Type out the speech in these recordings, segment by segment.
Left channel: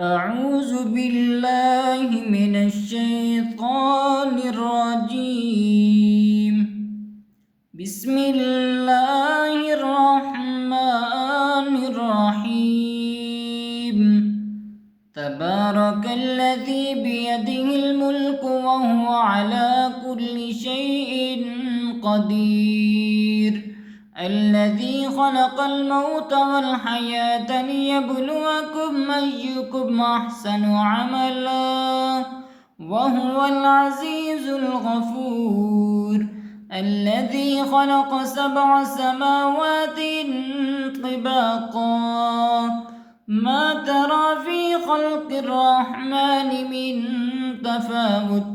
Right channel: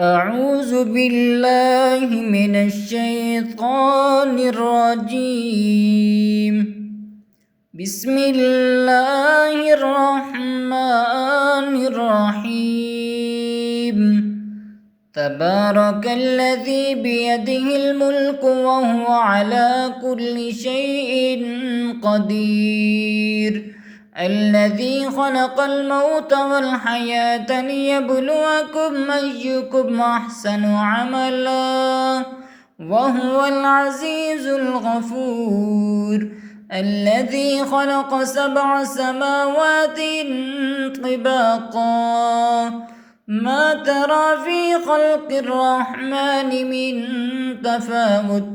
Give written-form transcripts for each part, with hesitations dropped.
أعوذ بالله من الشيطان الرجيم. بسم الله الرحمن الرحيم. تبارك الذي بيده الملك وهو على كل شيء قدير. الذي خلق الموت والحياة ليبلوكم أيكم أحسن عملا وهو العزيز الغفور. الذي خلق 7 سماوات طباقا ما ترى في خلق الرحمن من تفاوت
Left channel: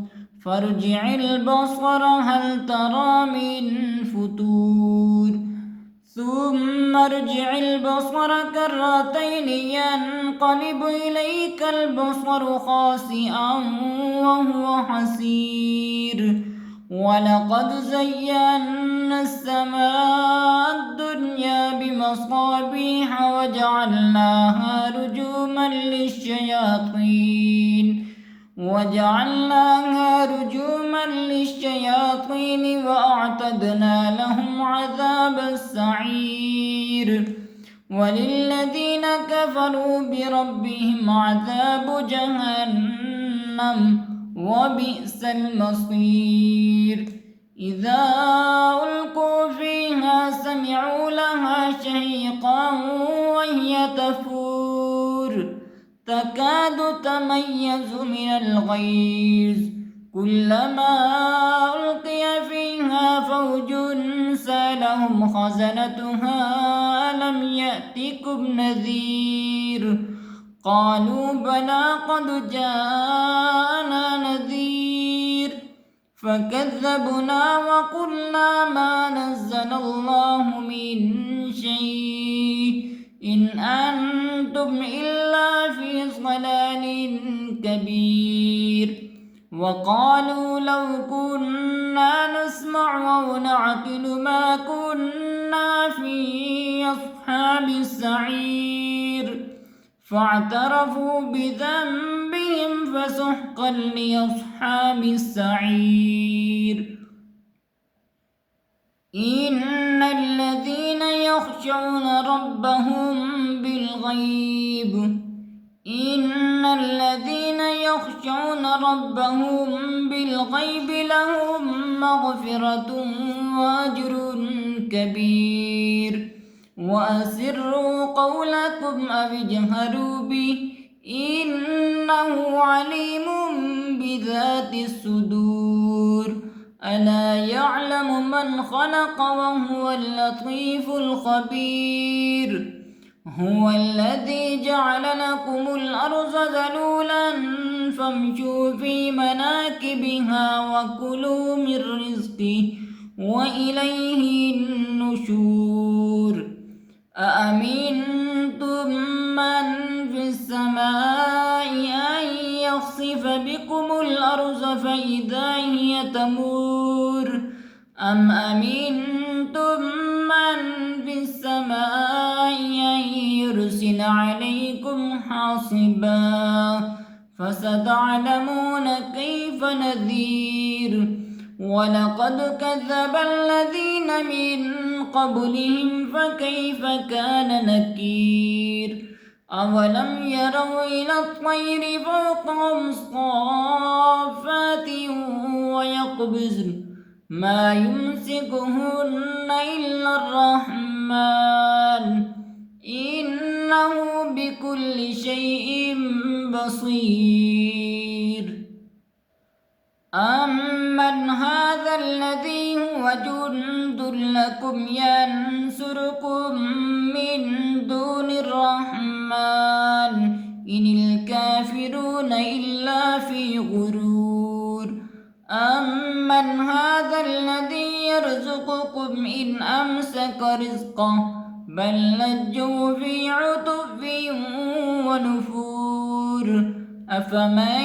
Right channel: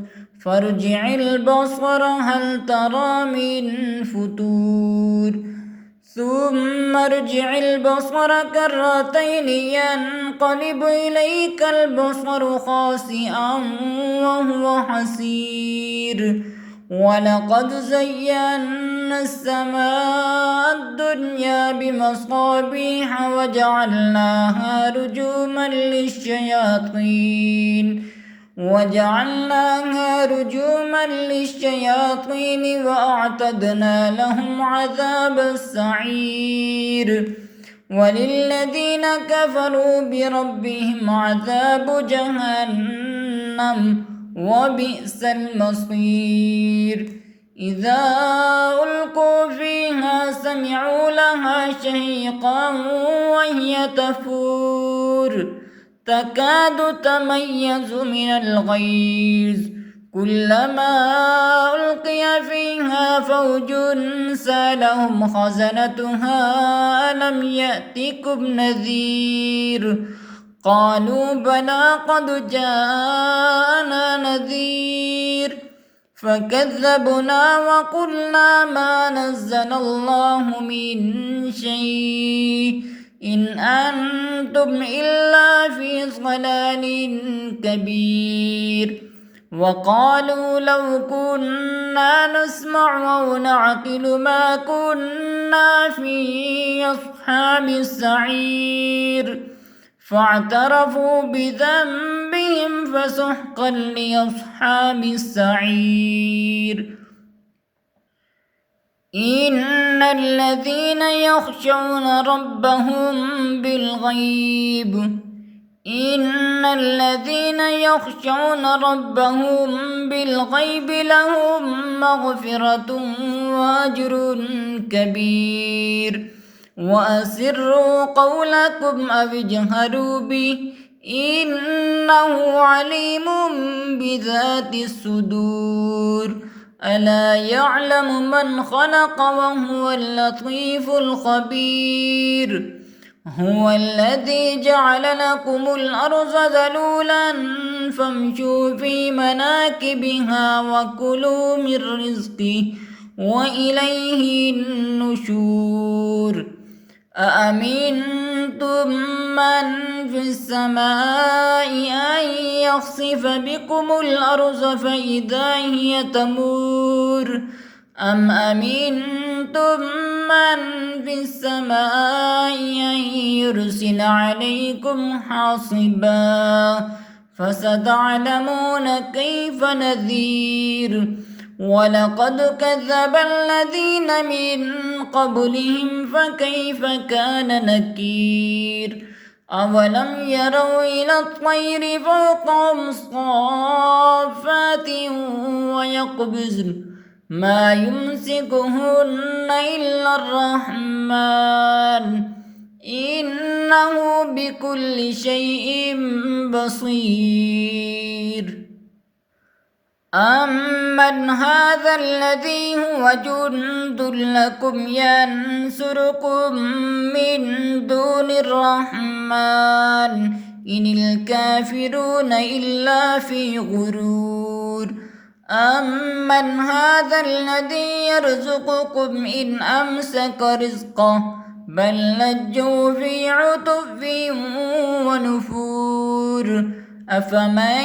فارجع البصر هل ترى من فتور ثم ارجع البصر كرتين ينقلب إليك البصر خاسئا وهو حسير. ولقد زينا السماء الدنيا بمصابيح وجعلناها رجوما للشياطين وأعتدنا لهم عذاب السعير. وللذين كفروا بربهم عذاب جهنم وبئس المصير. إذا ألقوا فيها سمعوا لها شهيقا وهي تفور تكاد تميز من الغيظ كلما ألقي فيها فوج سألهم خزنتها ألم يأتكم نذير قالوا بلى قد جاءنا نذير فكذبنا وقلنا ما نزل الله من شيء إن أنتم إلا في ضلال كبير. وقالوا لو كنا نسمع أو نعقل ما كنا في أصحاب السعير فاعترفوا بذنبهم فسحقا لأصحاب السعير. إن الذين يخشون ربهم بالغيب لهم مغفرة وأجر كبير. وأسروا قولكم أو اجهروا به إنه عليم بذات الصدور. ألا يعلم من خلق وهو اللطيف الخبير. هو الذي جعل لكم الأرض ذلولا فامشوا في مناكبها وكلوا من رزقه وإليه النشور. أأمنتم من في السماء أن يخسف بكم الأرض فإذا هي تمور أم أمنتم من في السماء أن يرسل عليكم حاصبا فستعلمون كيف نذير. ولقد كذب الذين من قبلهم فكيف كان نكير. أولم يروا إلى الطير فوقهم صافات ويقبضن ما يمسكهن إلا الرحمن إنه بكل شيء بصير. أمن هذا الذي هو جند لكم ينصركم من دون الرحمن إن الكافرون إلا في غرور. أمن هذا الذي يرزقكم إن أمسك رزقه بل لجوا في عتب ونفور. أفمن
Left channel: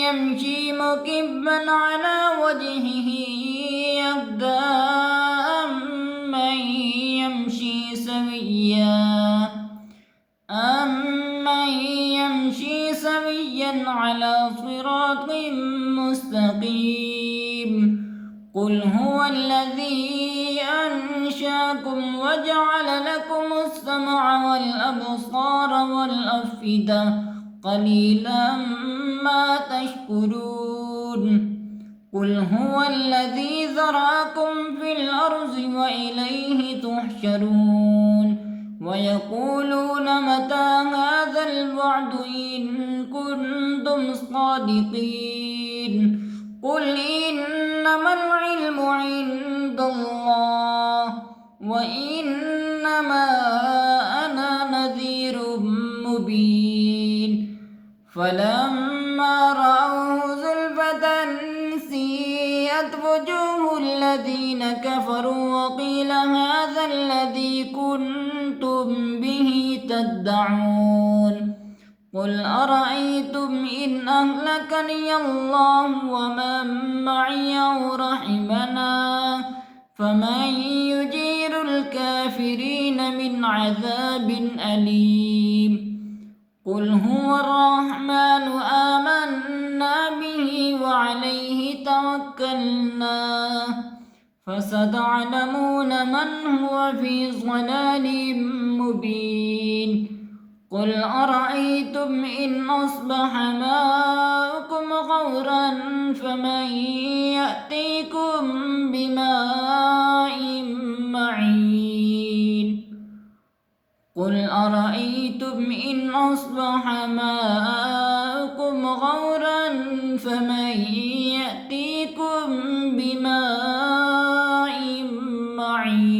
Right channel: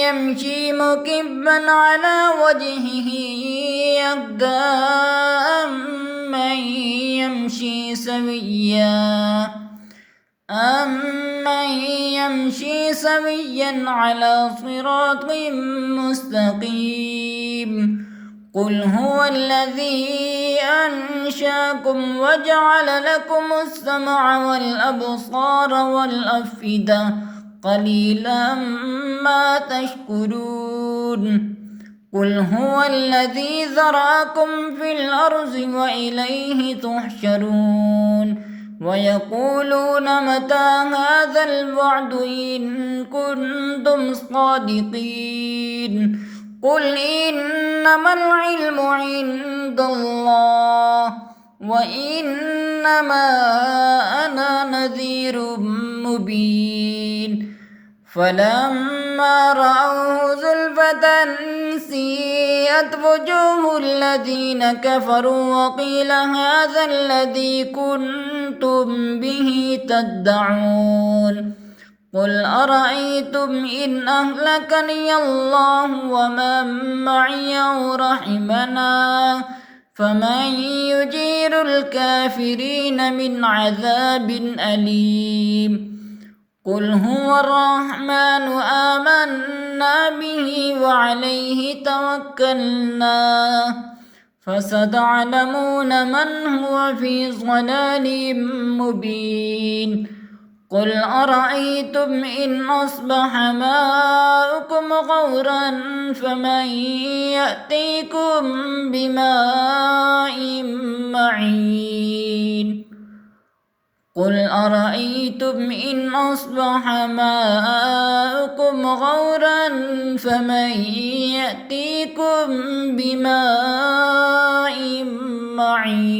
يمشي مكبا على وجهه يهدى أمن يمشي سويا سويا على صراط مستقيم. قل هو الذي أنشاكم وجعل لكم السمع والأبصار والأفئدة قليلا ما تشكرون. قل هو الذي ذرأكم في الأرض وإليه تحشرون. ويقولون متى هذا الوعد إن كنتم صادقين. قل إنما العلم عند الله وإنما أنا نذير مبين. فلما رأوه زلفة سيئت وجوه الذين كفروا وقيل هذا الذي كنتم به تدعون. قل أرأيتم إن أهلكني الله ومن معي أو رحمنا فمن يجير الكافرين من عذاب أليم. قل هو الرحمن آمنا به وعليه توكلنا فستعلمون من هو في ضلال مبين. قل أرأيتم إن أصبح ماؤكم غورا فمن يأتيكم بماء معين. قل أرأيتم إن أصبح ماؤكم غورا فمن يأتيكم بماء معين.